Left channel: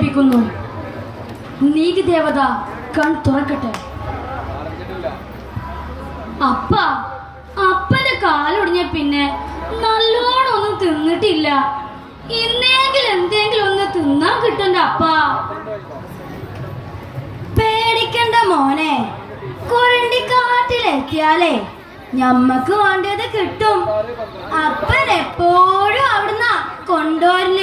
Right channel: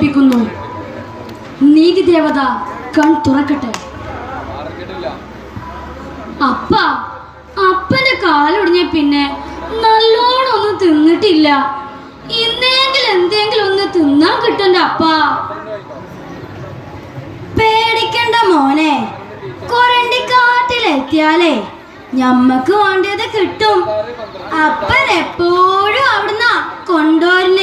കൽപ്പിക്കുന്നു നീതി ദേവത കൺ തുറക്കട്ടെ. അപ്പ അപ്പന്റെ കാലൊടിഞ്ഞ പിന്നെ നല്ലോണം ഒന്നും തിന്നിട്ടില്ല. ഇന്നെങ്കിലും എന്തെങ്കിലും ഒന്ന് തിന്നാൻ കിട്ടണ്ട അപ്പ. പേടിക്കണ്ട മോനെ. കൊരണ്ടിക്കാട്ടിലെത്തിയാലേ ഞമ്മക്ക് വേണ്ടത് കിട്ടും. അപ്പനെപ്പോഴും അവിടുന്ന കൊണ്ടുവരൽ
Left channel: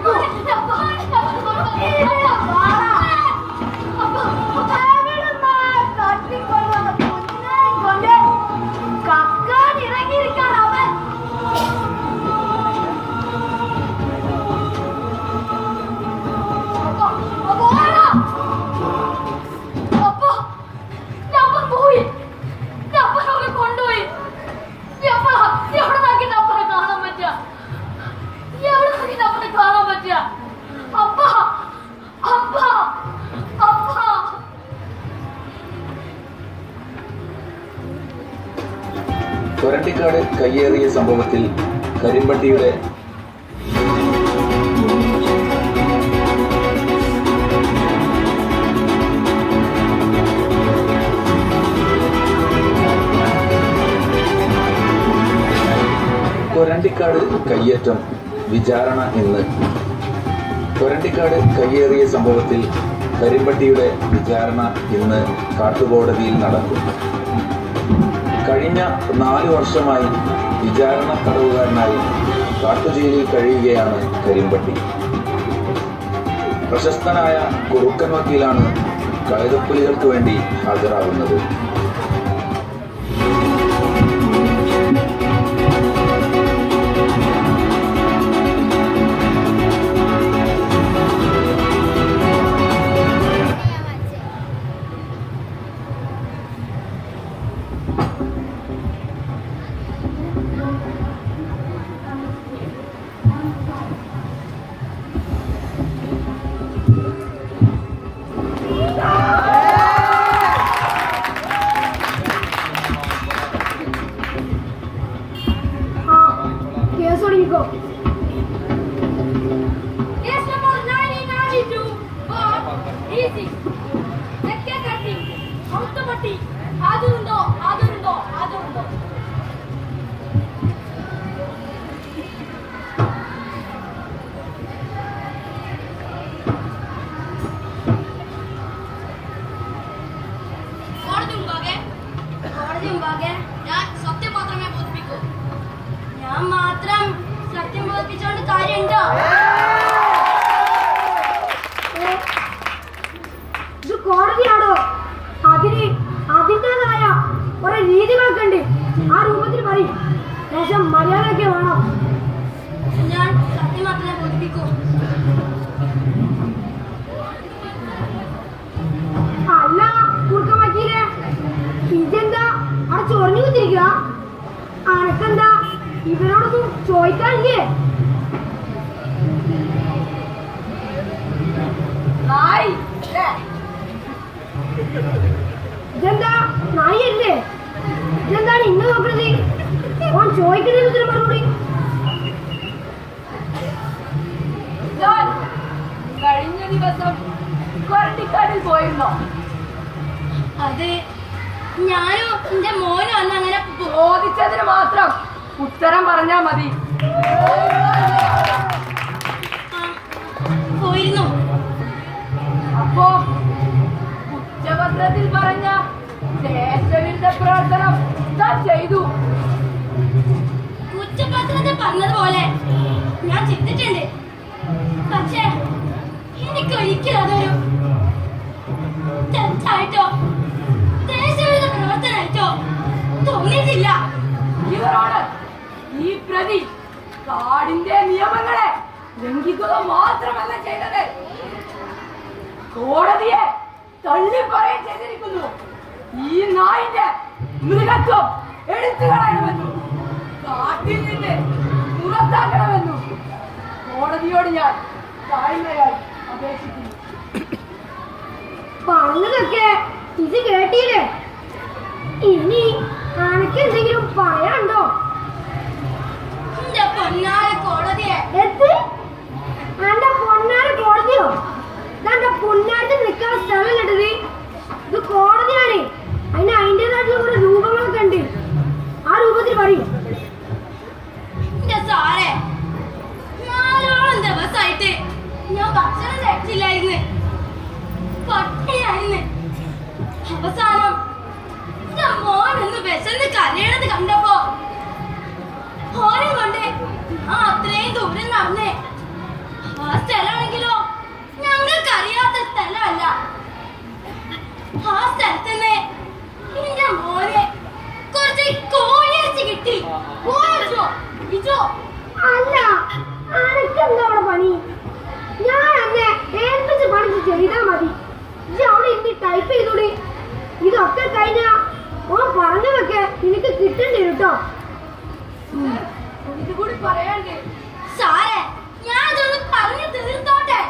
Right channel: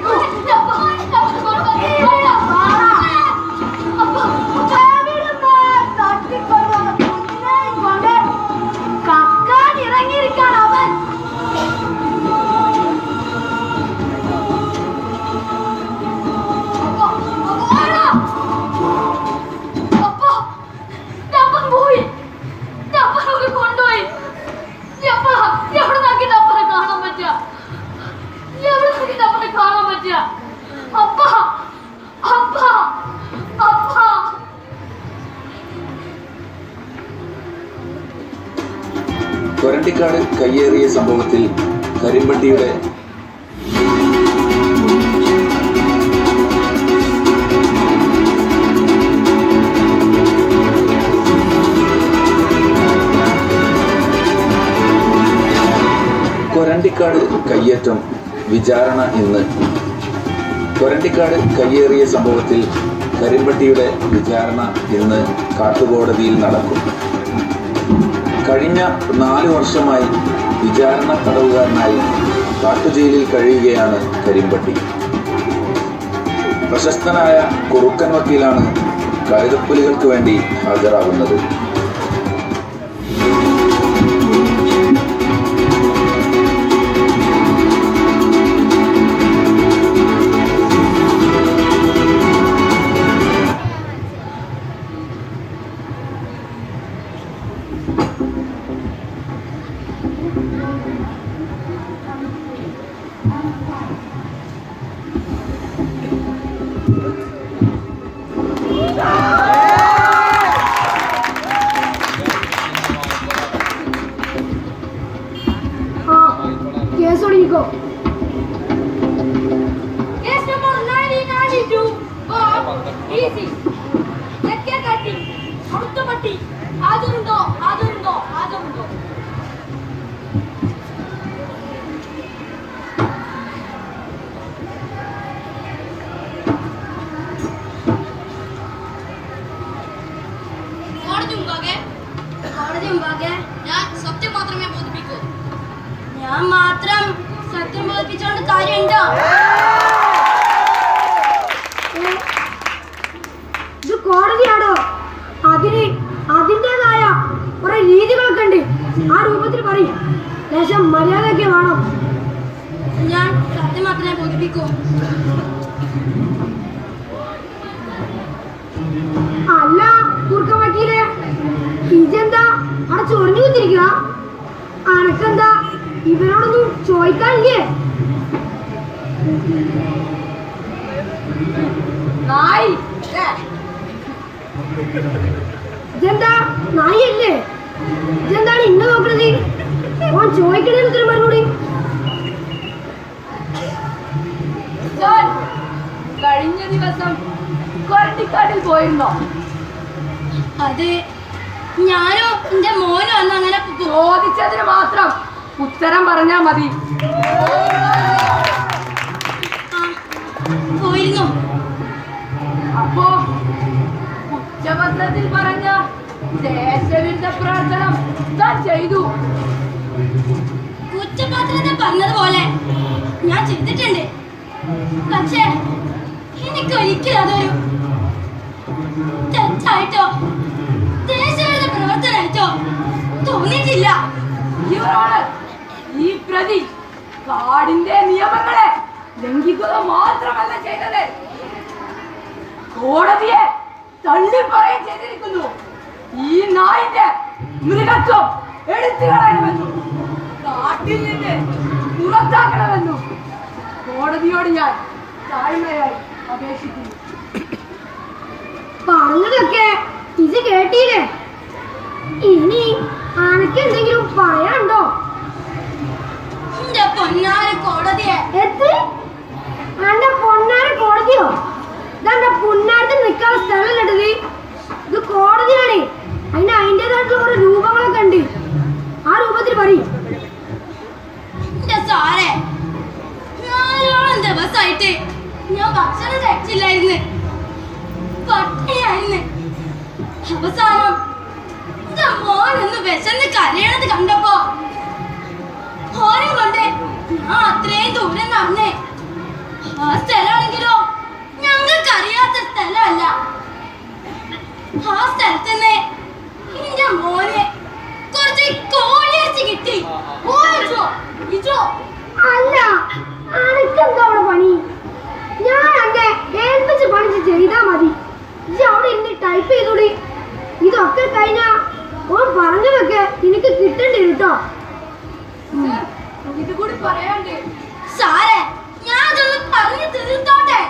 go? കൊരണ്ടിക്കാട് കയ്യേറ്റം വിചാരണ ഇന്ന്. കൊരണ്ടിക്കാട് കയ്യേറിയ സംഭവത്തിൽ കരിമ്പട്ടിയുടെ വിചാരണ ഇന്ന് കാട്ടുകോടതിയിൽ നടക്കും. കഴിഞ്ഞ നാല് വർഷമായി വിചാരണ തടവുകാരനായി കാട്ടുജയിലിൽ കഴിയുകയാണ് കരിമ്പട്ടി. പ്രശസ്തനായ കുറുക്കൻ വക്കീലാണ് കഴുതപ്പുലികൾക്ക് വേണ്ടി ഹാജരാകുന്നത്. നായി ഇതെന്താ? നായല്ലേ? ഇതെന്താണ് ഇന്ന് നോക്കണത് ഓൻ ചോദിക്കണേ ഉത്തരം ഞാൻ കഴിഞ്ഞ ദിവസം കൊരട്ടിക്കാട്ടിൽ പോയിരുന്നോ. അത് ഞാനോ എന്റെ മോനോ അന്ന് അങ്ങനെ ചോദിച്ചതിന് മാത്രം ഉത്തരം പറഞ്ഞാ മതി. പോയിരുന്നു. അപ്പോ ഉച്ചപത്രത്തിൽ പറഞ്ഞ ദേശവിരുദ്ധ പ്രവർത്തനം താൻ ചെയ്തു. ഉച്ചപത്രത്തിൽ പറഞ്ഞതുപോലെ ഞാൻ ചെയ്തിട്ടുണ്ട്. പക്ഷേ എനിക്ക് ഒരിക്കലും അതൊരു തെറ്റായിട്ടോ? ഈ കാടിന്റെ നിയമങ്ങളെ ലംഘിക്കുക മാത്രമല്ല ചെയ്തത്. കോടതിയെ തള്ളിപ്പറയും ചെയ്തിരിക്കുന്നു. ഈ നായിന്റെ മൃഗത്വം എടുത്തു കളയണമെന്നും കാട്ടിൽ നിന്ന് പുറത്താക്കണമെന്നും കോടതിയോട് ഞാൻ താഴ്മയായി അപേക്ഷിക്കുന്നു. പറഞ്ഞതൊക്കെ ഇത് കേട്ടില്ലേ? ഇനി എന്തെങ്കിലും പറയാനുണ്ടോ? പൊന്നാര കോടതിയെ. എത്ത് അന്റെ പൊന്നാര കോടതിയോ? ഇതെന്റെ പുന്നാരത്തിൽ നിൽക്കാൻ സ്ഥലമല്ലത് ഇത്? കോടതിയാണ്. അതിന് അതിന്റെതായിട്ടുള്ള കുറെ രൂപങ്ങളൊക്കെ ഉണ്ട്. ആ രൂപത്തിൽ പറയും. സാറേ നാലോളം ദിവസമായിട്ട് ഞാൻ ഭക്ഷണം കഴിച്ചില്ലായിരുന്നു. പട്ടിയായിരുന്നു. അവസാനം മോനൊന്ന് വിശന്ന് കരയണത് കണ്ടപ്പോ ഓനും കൊണ്ട് ഞാൻ അത്രയും ദൂരം നടന്നേ. ആ സ്ഥലമാണെങ്കിലോ? ഞങ്ങൾക്ക് അറിയാത്ത സ്ഥലമല്ല. ആ സ്ഥലത്തുനിന്ന് എന്റെ മോനെ കുറച്ച് കോഴിയിറച്ചി കിട്ടി. കോഴിച്ചോ ഇച്ചോ അല്ല അനക്ക് അവിടെ പണി? ഞാൻ അന്നെ ഏൽപ്പിച്ച് പണിച്ച് ചെയ്താ മതി. ഇജ്ജ് അവിടെ ഇന്ന് ടൈപ്പ് ചെയ്തോടി. ഇതൊക്കെ കഴിഞ്ഞാ ഓൻ പറഞ്ഞു വെക്ക നിനക്ക് കിട്ടണ്ടേ കേട്ടോ. കൂടി പറയാണ്ട്. സാറേ ഞാൻ അതൊന്ന് പറഞ്ഞു തീർത്തോട്ടെ?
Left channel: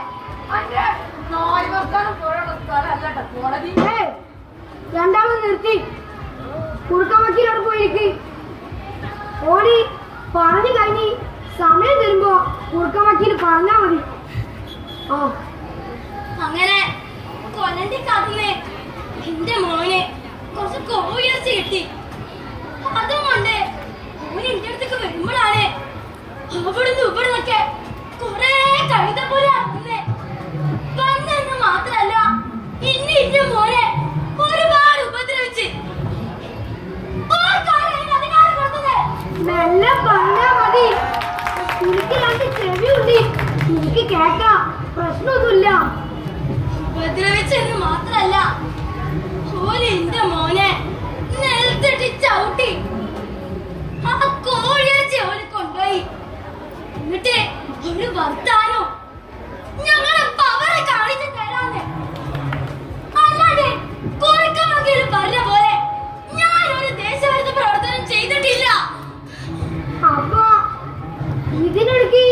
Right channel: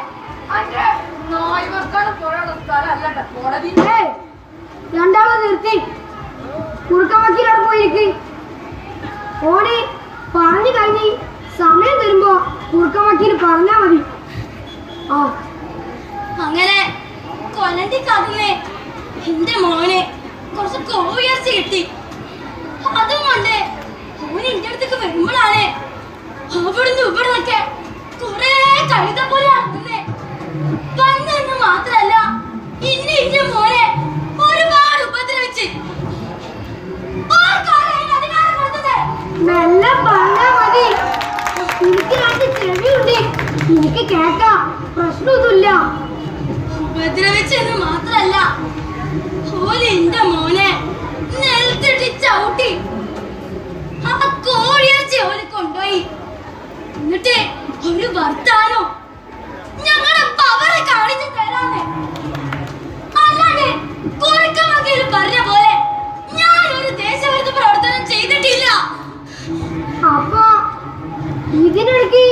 അന്റെ നായ് വർത്താനം പോലുള്ള സ്ഥലമല്ല കോടതി. രണ്ടാമത് നിർത്തി. കുറുക്ക വക്കീലവിടെ പോയിരിക്ക്. ഓടി പറഞ്ഞു കഴിഞ്ഞ് സമയം തരുമ്പോ കുറുക്ക വക്കീൽ പറഞ്ഞാ മതി. ആ. അങ്ങനെ കൊലണ്ടി എന്റെ മോനെ കുറച്ച് കോഴിയിറച്ചി കിട്ടി. അതും കൊണ്ട് മോൻ എന്റെ അടുത്തേക്ക് വരുമ്പോഴാണ് അവിടുന്ന് ഇവിടുന്നൊക്കെ കുറെ കഴുതപോലെ നടക്കുന്നേ പണ്ടെന്ന് മാത്രല്ല ഇന്ന് എന്റെ മോനെ ഒരുപാട് ഉപദ്രവിച്ച്. മെല്ലെ പറഞ്ഞാ മതി. എനിക്ക് രണ്ട് ചെവിയുണ്ട്. എനിക്ക് കേക്കാം പ്രശ്നമൊന്നുമില്ല. ഉപദ്രവിച്ചെന്ന് മാത്രല്ല ഓൽ എന്റെ മോനെ നിലത്തിട്ട് ചവിട്ടി ആ കോഴിയച്ചി ഓൽ കൊണ്ടുപോയി എന്നിട്ട് ഒരു വർത്താനോ? ഞങ്ങളെ പവർ കാണിച്ചു തരാന്ന് അല്ലാതെ കുറുക്കമകയിൽ പറഞ്ഞ പോലെ ഞാൻ ഒരു ദേശവിരുദ്ധ പ്രവർത്തനം ചെയ്തിട്ടില്ല. അപ്പൊ ഇതിനിടയ്ക്ക്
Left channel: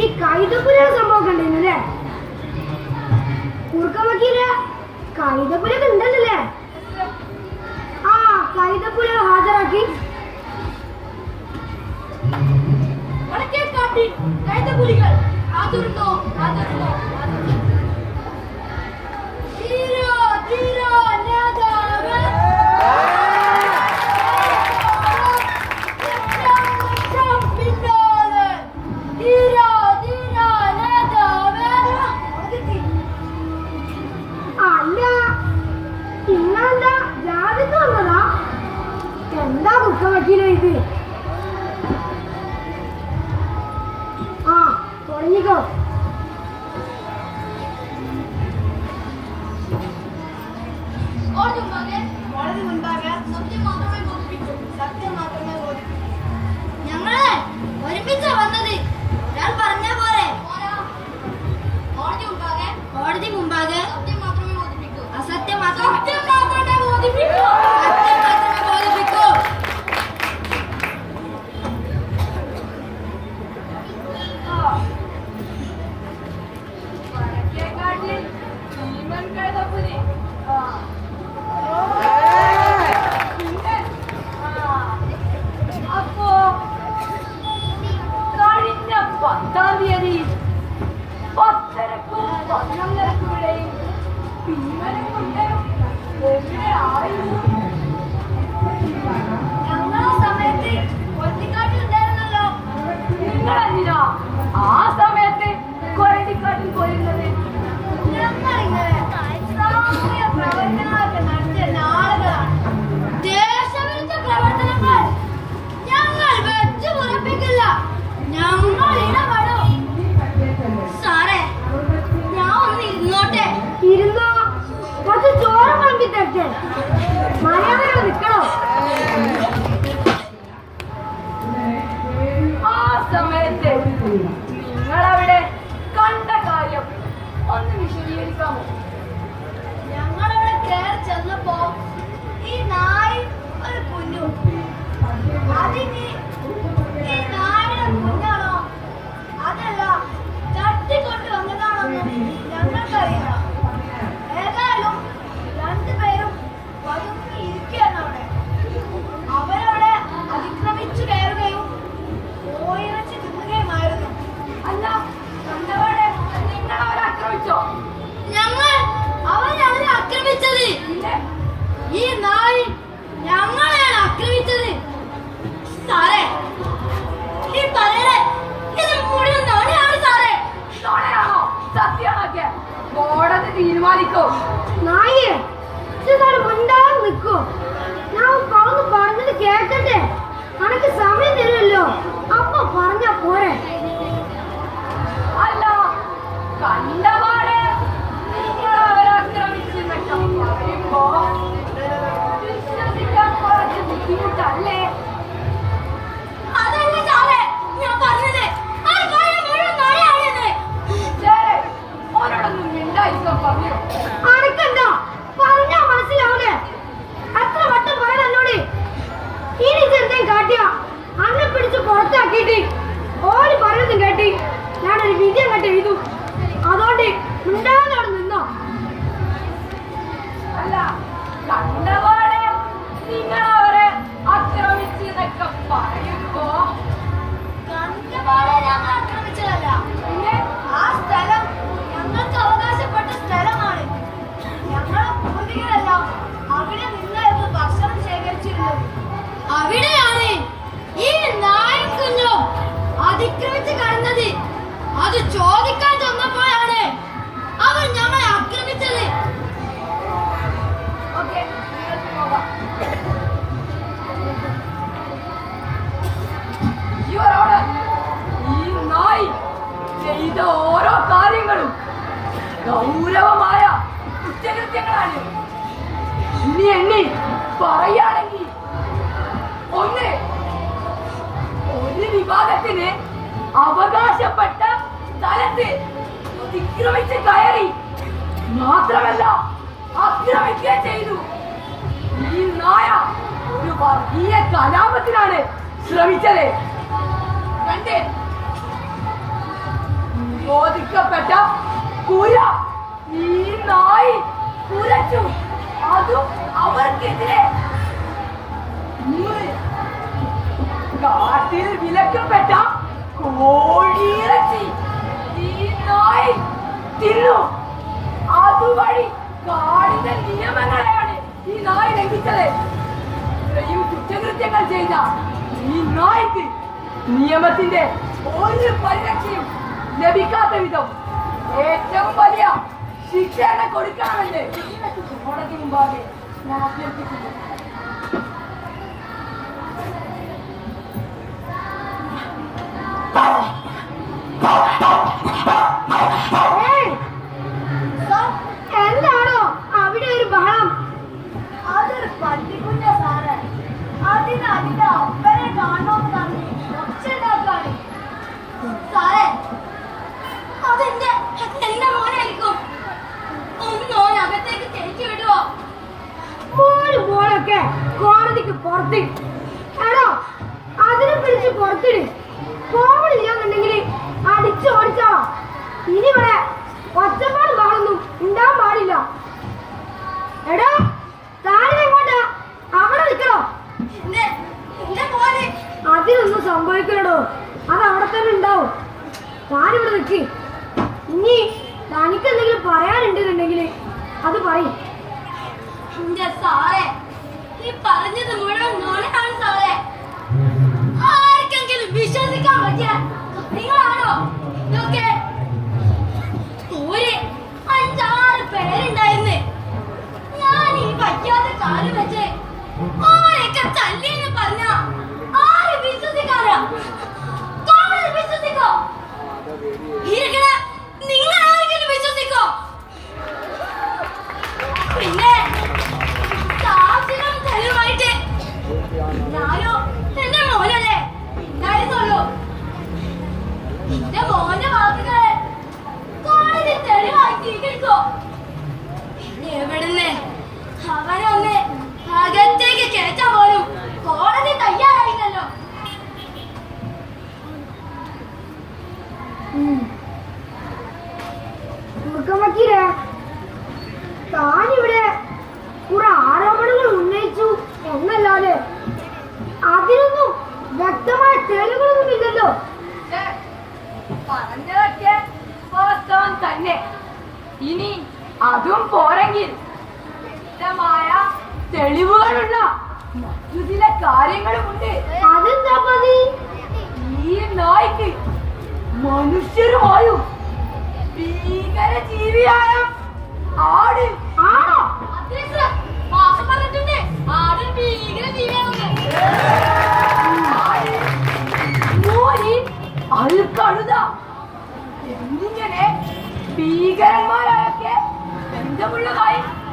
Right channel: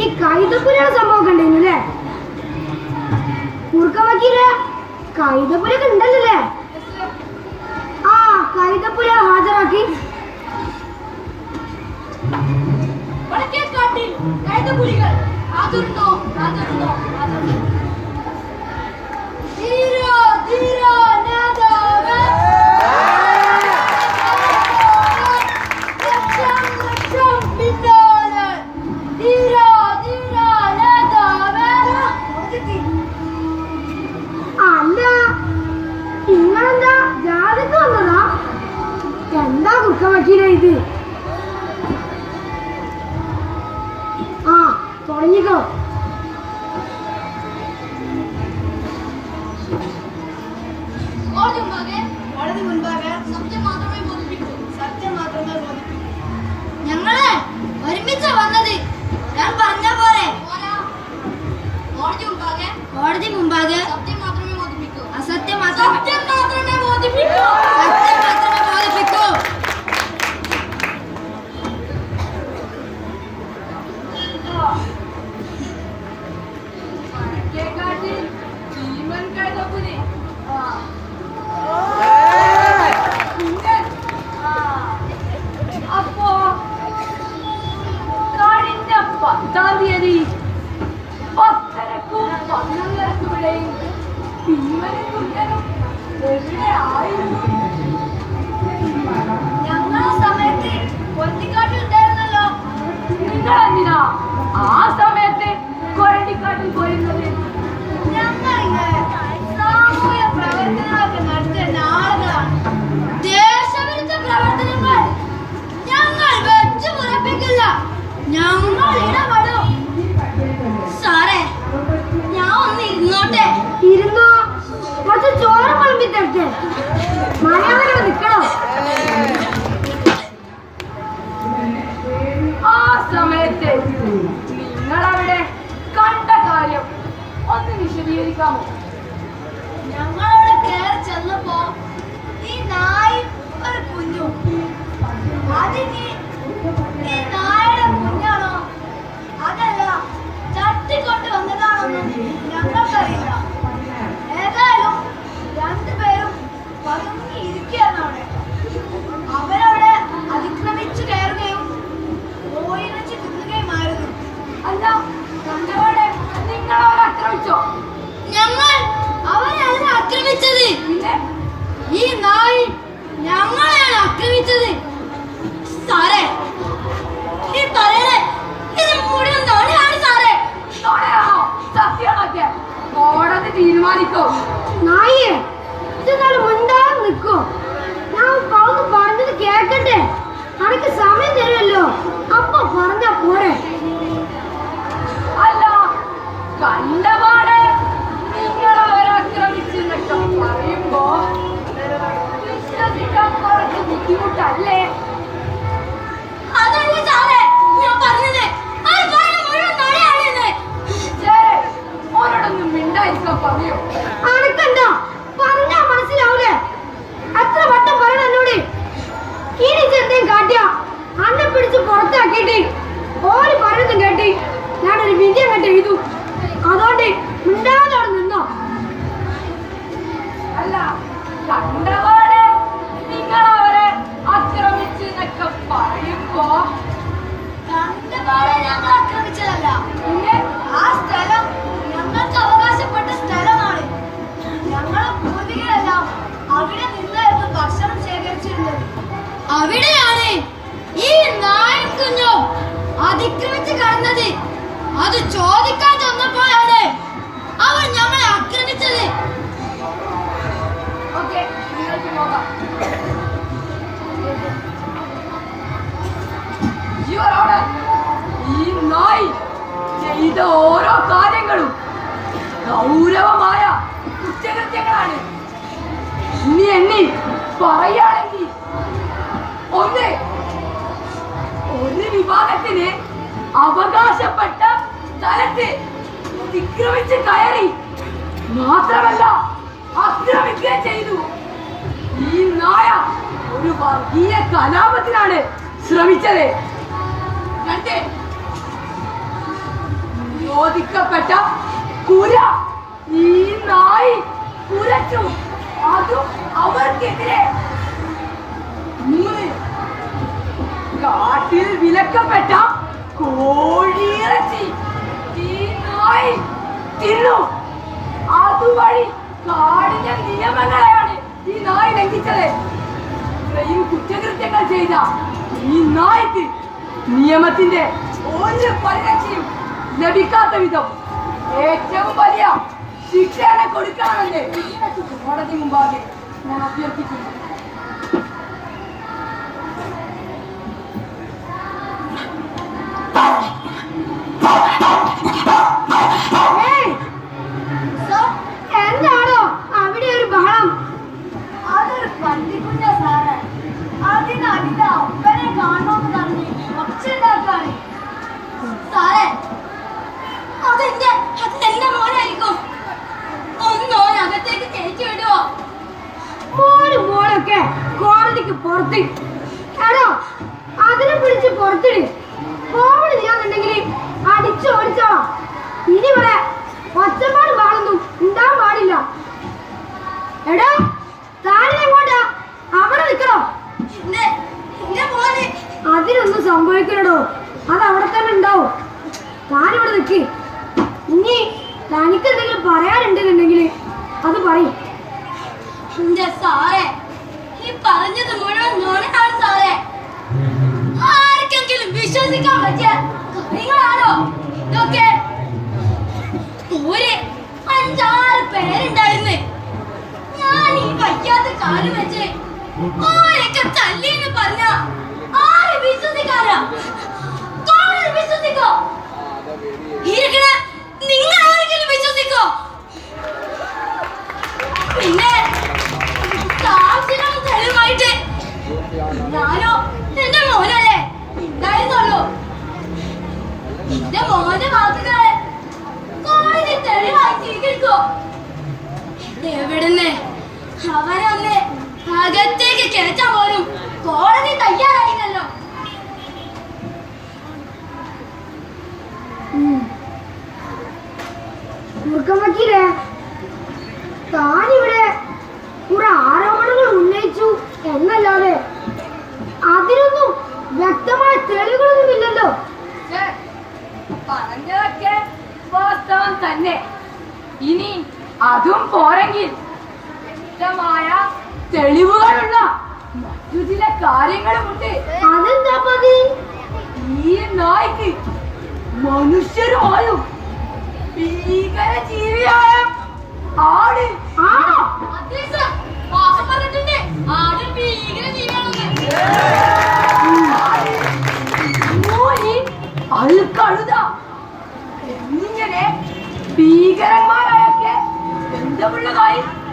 ഈ കൈതപ്പുരയുടെ സംഭവം ഉണ്ടായിരുന്നു അല്ലേ? കുറുക്ക വക്കീൽ കൈതപ്പുരൊക്കെ ആ കൈതപ്പുര ഹാജരാക്കി. വടക്കേക്കാട്ടിൽ കയറ്റ പുലികൾ. അതിർന്നോ അതിർന്നോ അതിർന്നോ ധീരോ ധീരോ എന്താ ദുഃഖമാക്കിയില്ല ഇത്? 一个。गई അത് ചോദിക്കാൻ ചെന്നപ്പോഴാണ് അവർ ഞങ്ങളെ ആക്രമിച്ചത്. ഈ നായി ചെയ്ത ഓരോ കാര്യങ്ങളും ഗൗരവമായ കുറ്റകൃത്യങ്ങളാണ്. ഇനി എണ്ണി പറയുകയാണെങ്കിൽ ഒന്ന് ഒരു വിഭാഗത്തിന് അവകാശപ്പെട്ട സ്ഥലത്ത് അതിക്രമിച്ച് കയറി. മാത്രമല്ല ആക്രമിക്കുകയും ചെയ്തു. ഈ നായ ഒരു വർഗീയ കലാപത്തിനാണ് ശ്രമിച്ചത്. കണ്ടേ ചോദിക്കപ്പെട്ട കുര ഈ നായി കുരച്ചു. അതും അവർക്കെതിരെ. മൂന്ന് കാട്ടിൽ വിലക്കപ്പെട്ട കോഴിയിറച്ചി. വായിൽ തിന്നു. അതുവഴി കാടിന്റെ നിയമങ്ങളെയാണ് ഈ നായ് ലംഘിച്ചത്. ഇത്രയും കുറ്റകൃത്യങ്ങൾ ചെയ്ത ഈ നായ്ക്ക് നിയമത്തിന്റെ ഒരു പരിരക്ഷയും ലഭിക്കാത്ത വിധം ഏറ്റവും വലിയ ശിക്ഷയാണ് കൊടുക്കാനല്ലേ കോടതി മുമ്പാകെ ഞാൻ അഭ്യർത്ഥിക്കുന്നു. പല്ലിക്കുഞ്ഞ സാറ്. അതിന് അതിന്റെ അപ്പനെ കാണണമെന്ന് പറഞ്ഞ് ഒച്ചുണ്ടാക്കാണ് സാറേ അതെന്റെ അതെന്റെ മോനായിരിക്കും. ഒന്ന് ഓൻ അകത്തേക്ക് കയറ്റി വിടുവോ? മോനും മോനൊക്കെ കോടതിക്ക് പുറത്തിടും എടോ അതിനെ പിടിച്ച് പുറത്തിടും കോവിഡില്ലാന്നുണ്ടെങ്കിൽ അടിച്ചു ഓടിച്ചോ. ഇനി വരെ ഒച്ചപ്പാട് വേണമെന്നും ഉണ്ടാൻ പാടില്ല. എടോ താഴെ നിൽക്കണോ അതിനൊന്നും സംഭവിക്കണോ അത് അവിടെ തന്നെ ഉണ്ടാവും. താനിവിടെ നിൽക്കി ഇനി തനിക്ക് എന്തെങ്കിലും പറയാനുണ്ടെന്നുണ്ടെങ്കിൽ അത് പറയും. സാറേ ഈ പറഞ്ഞത് മുഴുവൻ നുണയാണ് സാറേ. ആർക്കെങ്കിലും വിശ്വസിക്കാൻ പറ്റിയ നിങ്ങളാണോ ഇതൊക്കെ. ഒരു അഞ്ചാറ് പേരുണ്ടായിരുന്നു. ഞാൻ ഈ വയ്യാത്ത കാലം വെച്ച് പിന്നെ സാക്ഷികളും തെളിവായിട്ട് ഞാനോ എന്റെ മോനല്ലേ? ഉണ്ടായിരുന്നുള്ളൂ എന്റെ മോന്റെ വാക്കുകളെ കോടതി തെളിവായി സ്വീകരിക്കോ? എവിടുന്ന്? അവനൊന്ന് അകത്തേക്ക് കയറ്റാൻ പോലും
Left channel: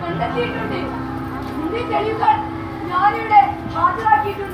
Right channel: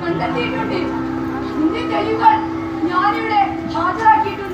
കണ്ടെത്തിയിട്ടുണ്ട്. ഞാനിവിടെ ഹാജരാക്കിയിട്ടുണ്ട്.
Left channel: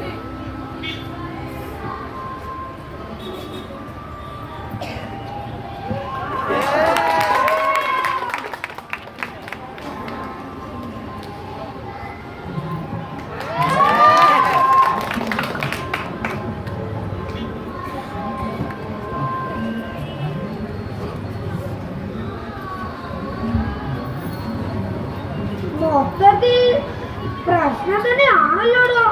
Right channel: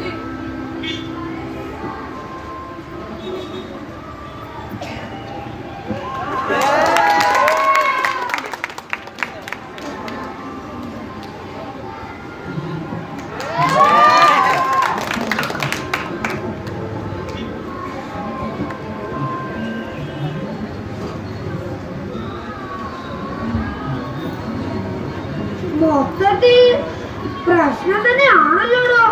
മൊത്തത്തിൽ പ്രശ്നം തന്നെയാണല്ലോടോ?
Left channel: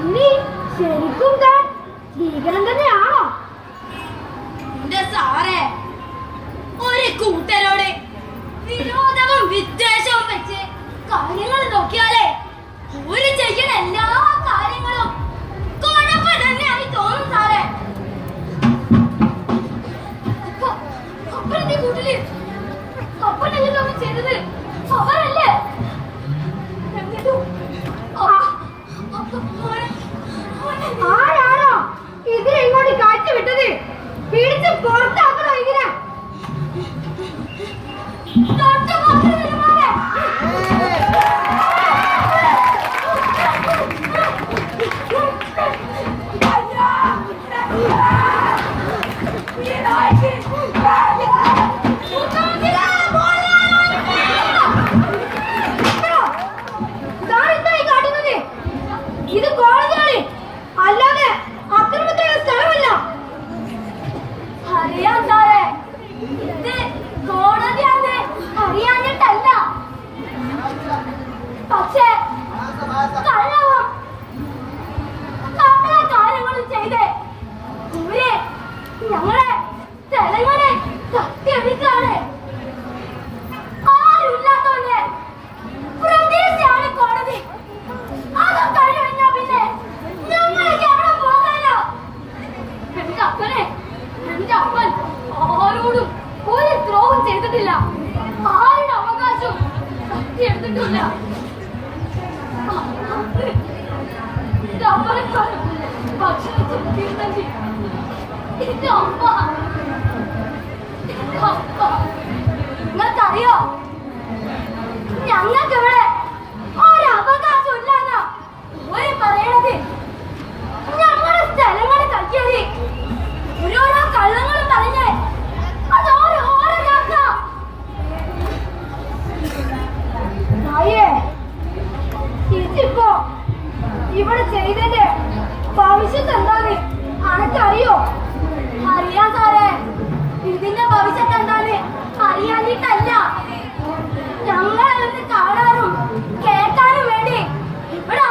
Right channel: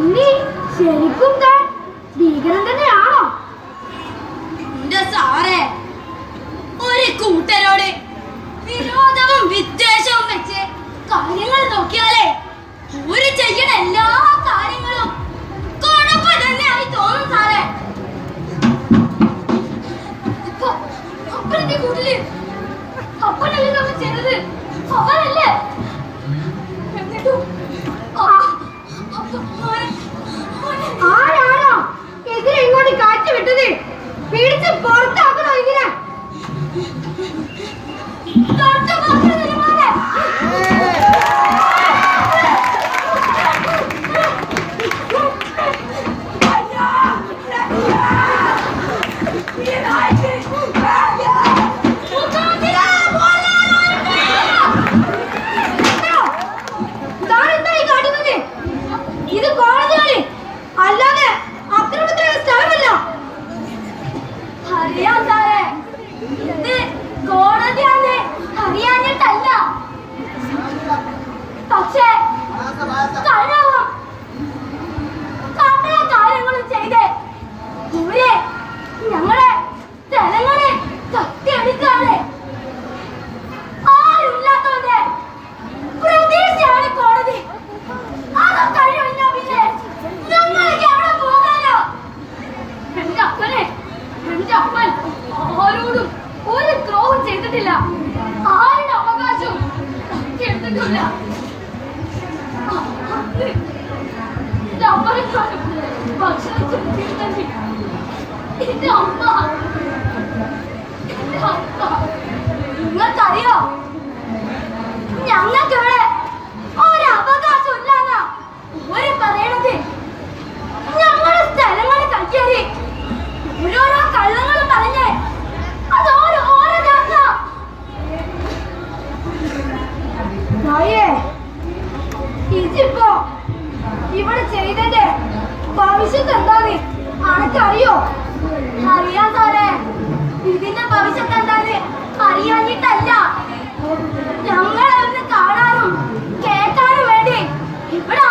ഇനി ശരിക്കും താൻ ഭീകരൻ തന്നെയാണോ? എന്റെ സാറേ ഒരു കൂട്ടരോട് വിരോധവും വിദ്വേഷവും വെച്ച് കാര്യങ്ങൾ നോക്കിയാലേ ഒരു ചെയ്യണ എല്ലാ കാര്യങ്ങളും കുഴപ്പം തന്നെയായി തോന്നും സാറേ. ഇപ്പൊ അപ്പഴത്തെ കൂട്ടിൽ അപ്പനല്ലേ നമ്മൾ ചെയ്തത്? അവരല്ലേ വിട്ടത്. പിടിച്ച് പുറത്താക്കണോ അയ്യേ ഇതിപ്പോ ഇവിടെ ചെയ്തതിന്റെ ഭവിഷ്യത്ത് എന്താ നീ അനക്കറിയോ? അറിയാൻ സാറേ. ഇതിന്റെ ഭവിഷ്യത്ത് എന്താന്ന് അറിയാഞ്ഞിട്ടല്ല. ഞങ്ങളൊന്ന് കാണാനും കേൾക്കാനും വേണ്ടി ഇവിടെ